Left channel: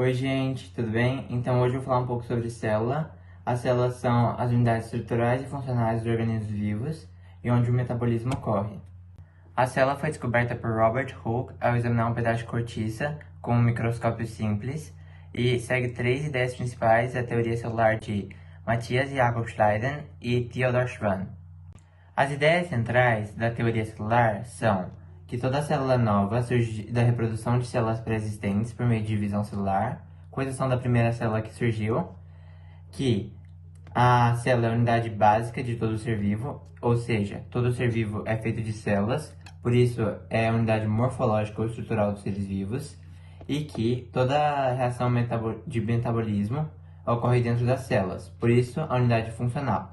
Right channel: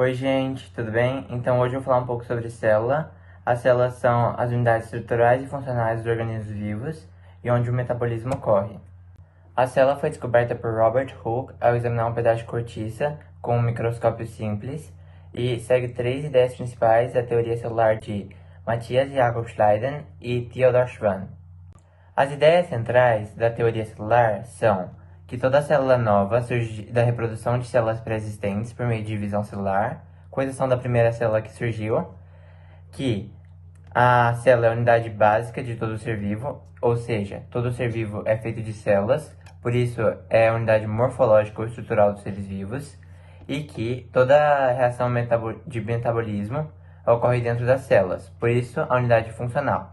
Oi, gente, tudo bem? Então, hoje eu vou falar um pouco sobre célula. As células são as unidades estruturais e funcionais dos organismos vivos e onde o metabolismo ocorre. A célula foi descoberta por Robert Hooke ao examinar um pedaço de cortiça com um microscópio simples e segue três ideias principais da teoria celular de Matthias Jakob Schleiden e Theodor Schwann. As ideias centrais da teoria celular são que toda célula nova surge da reprodução de células pré-existentes por meio de divisão celular, com exceção da primeira célula que surgiu, que a célula é a unidade básica de todo ser vivo, ou seja, todo ser vivo é feito de células, por isso é a unidade morfológica ou estrutural dos seres vivos, e que toda reação de metabolismo ocorre dentro das células, por isso a unidade funcional.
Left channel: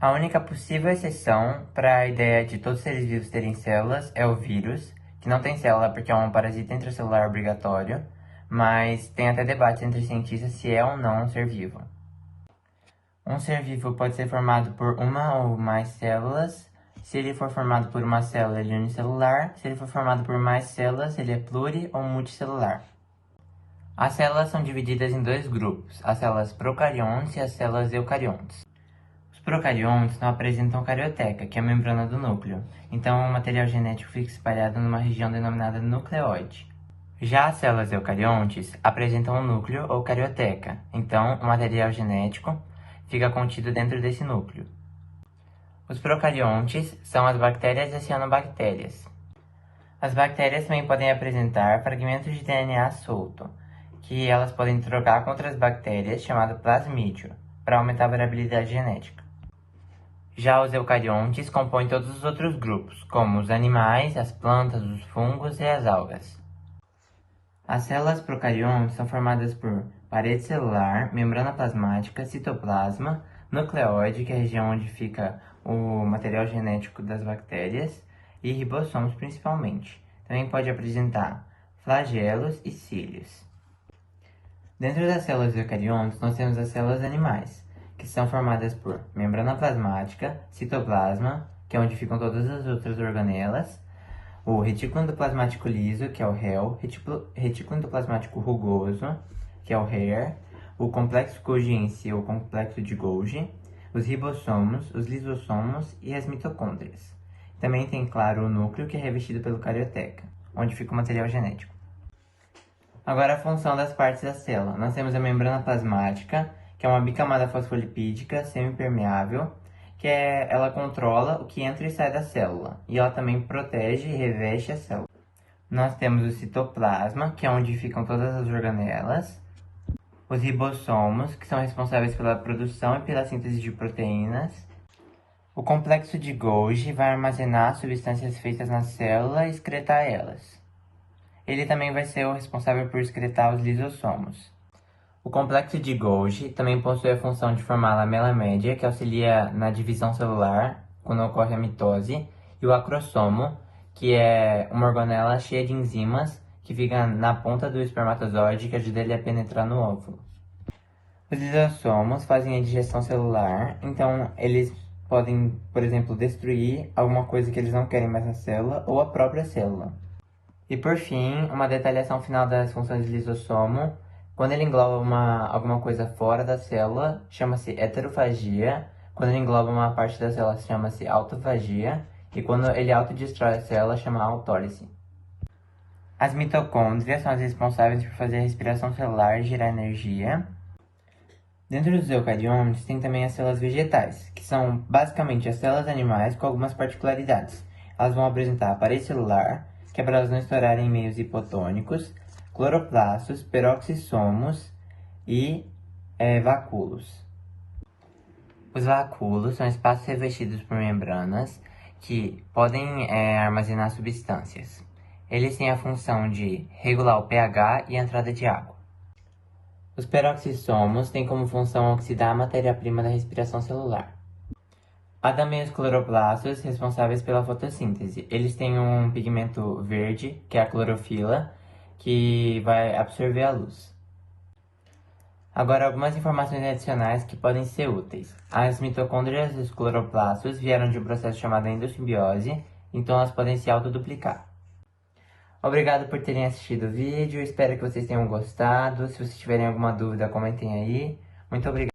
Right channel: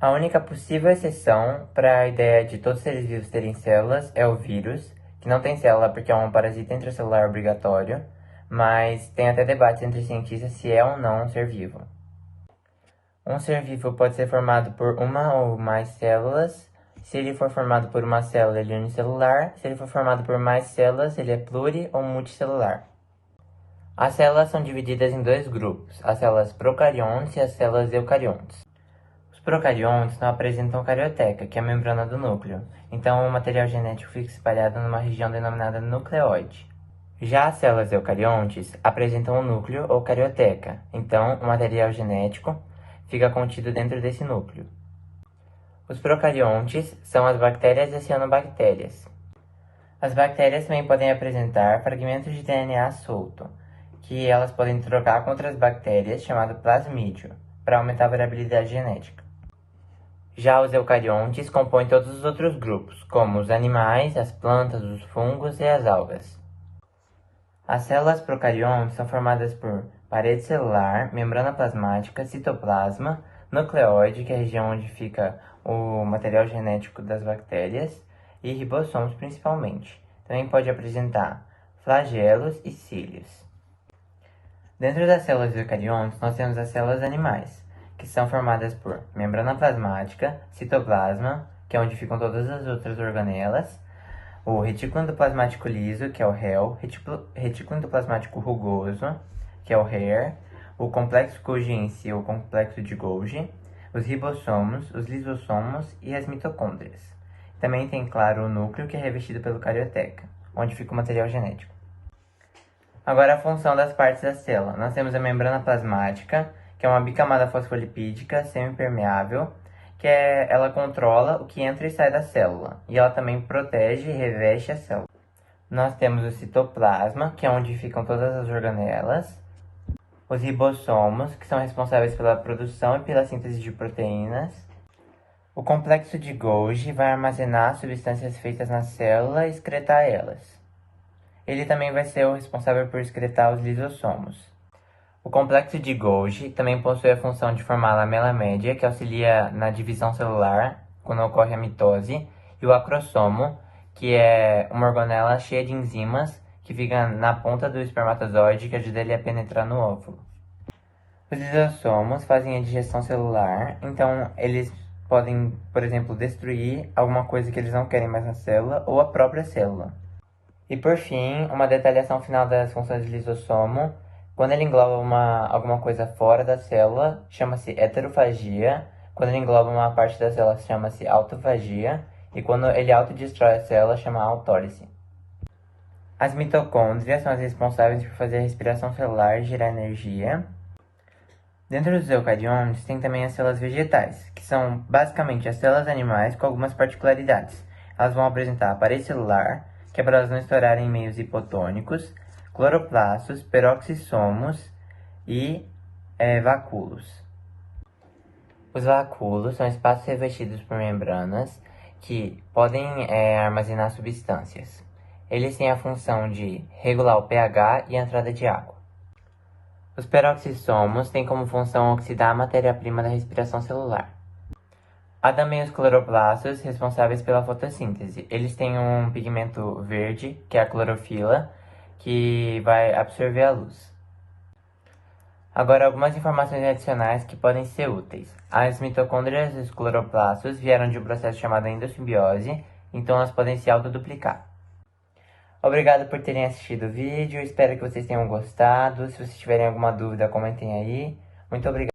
A única possível exceção para a ideia de todos os seres vivos terem células é o vírus, que não tem célula porque é um parasita intracelular obrigatório, mas tem até debate entre cientistas se é ou não um ser vivo. Um ser vivo pode ser formado por uma ou mais células. Se ele for formado por uma célula, ele é unicelular. Se ele for formado por mais células, ele é pluri ou multicelular. As células são divididas em dois grupos, as células procariontes e as células eucariontes. Os procariontes não apresentam carioteca, que é a membrana do núcleo, então o material genético fica espalhado numa região denominada nucleoide. Já as células eucariontes apresentam um núcleo ou carioteca, então o material genético fica contido dentro desse núcleo. Os procariontes são as bactérias e as cianobactérias. As bactérias também podem apresentar fragmentos de DNA solto, que elas podem trocar com outras bactérias, chamado plasmídio, para aumentar a variabilidade genética. Já os eucariontes compõem todos os outros grupos, como os animais, as plantas, os fungos e as algas. As células procariontes são formadas por parede celular, membrana plasmática, citoplasma, nucleoide, que é a região onde fica o material genético das bactérias, e ribossomos principalmente. Também pode apresentar flagelos e cílios. Dentro das células eucariontes, nós temos as células animais, que são formadas por membrana plasmática, citoplasma, que é onde ficam todas as outras organelas, o retículo endoplasmático liso, que é o REL, retículo endoplasmático rugoso, que é o HAIR, o complexo Golgi em si, ou complexo de Golgi, os ribossomos, os lisossomos e as mitocôndrias. Também tem, claro, o núcleo, que é revestido pelo carioteca, onde fica o material genético. Agora a função das partes da célula. Nós temos a membrana plasmática, que é uma bicamada fosfolipídica semipermeável, ela controla o que entra e sai da célula, e ela também protege e reveste a célula. Nós temos o citoplasma, que é onde ficam todas as organelas, os ribossomos, que são responsáveis pela produção e pela síntese de proteínas. O complexo de Golgi vai armazenar substâncias feitas na célula e excretar elas. Ele também vai ser o responsável por excretar os lisossomos. O complexo de Golgi também possui a função de formar a lamela média, que auxilia na divisão celular quando ocorre a mitose, e o acrossomo, que é uma organela cheia de enzimas que fica na ponta do espermatozoide, que ajuda ele a penetrar no óvulo. Os lisossomos fazem a digestão celular, então eles podem, por exemplo, destruir alguma coisa que eles não querem mais na célula ou a própria célula. E por fim, uma detalhação final das funções do lisossomo. Quando ele engloba alguma coisa fora da célula, chama-se heterofagia. Quando ele engloba uma parte da célula, chama-se autofagia. E quando ele autodestrói a célula, chama autólise. As mitocôndrias são as responsáveis por fazer a respiração celular e gerar energia. Dentro dos eucariontes, tem também as células vegetais, que são basicamente as células animais com algumas particularidades. Elas vão apresentar a parede celular, que é para elas não estourarem em meios hipotônicos, cloroplastos, peroxissomos e vacúolos. Os vacúolos são espaços revestidos por membranas que podem armazenar substâncias. Eles têm a função de regular o pH e a entrada de água. Os peroxissomos têm como função oxidar a matéria-prima da respiração celular. Há também os cloroplastos, responsáveis pela fotossíntese. Eles têm um pigmento verde, que é a clorofila, que vai absorver a luz. Agora, algumas informações adicionais que podem ser úteis. As mitocôndrias e os cloroplastos vieram de um processo chamado endossimbiose, então elas podem se autoduplicar. Obrigado por terem assistido o vídeo, espero que vocês tenham gostado. Se vocês tiverem alguma dúvida, comentem aí. Muito obrigado.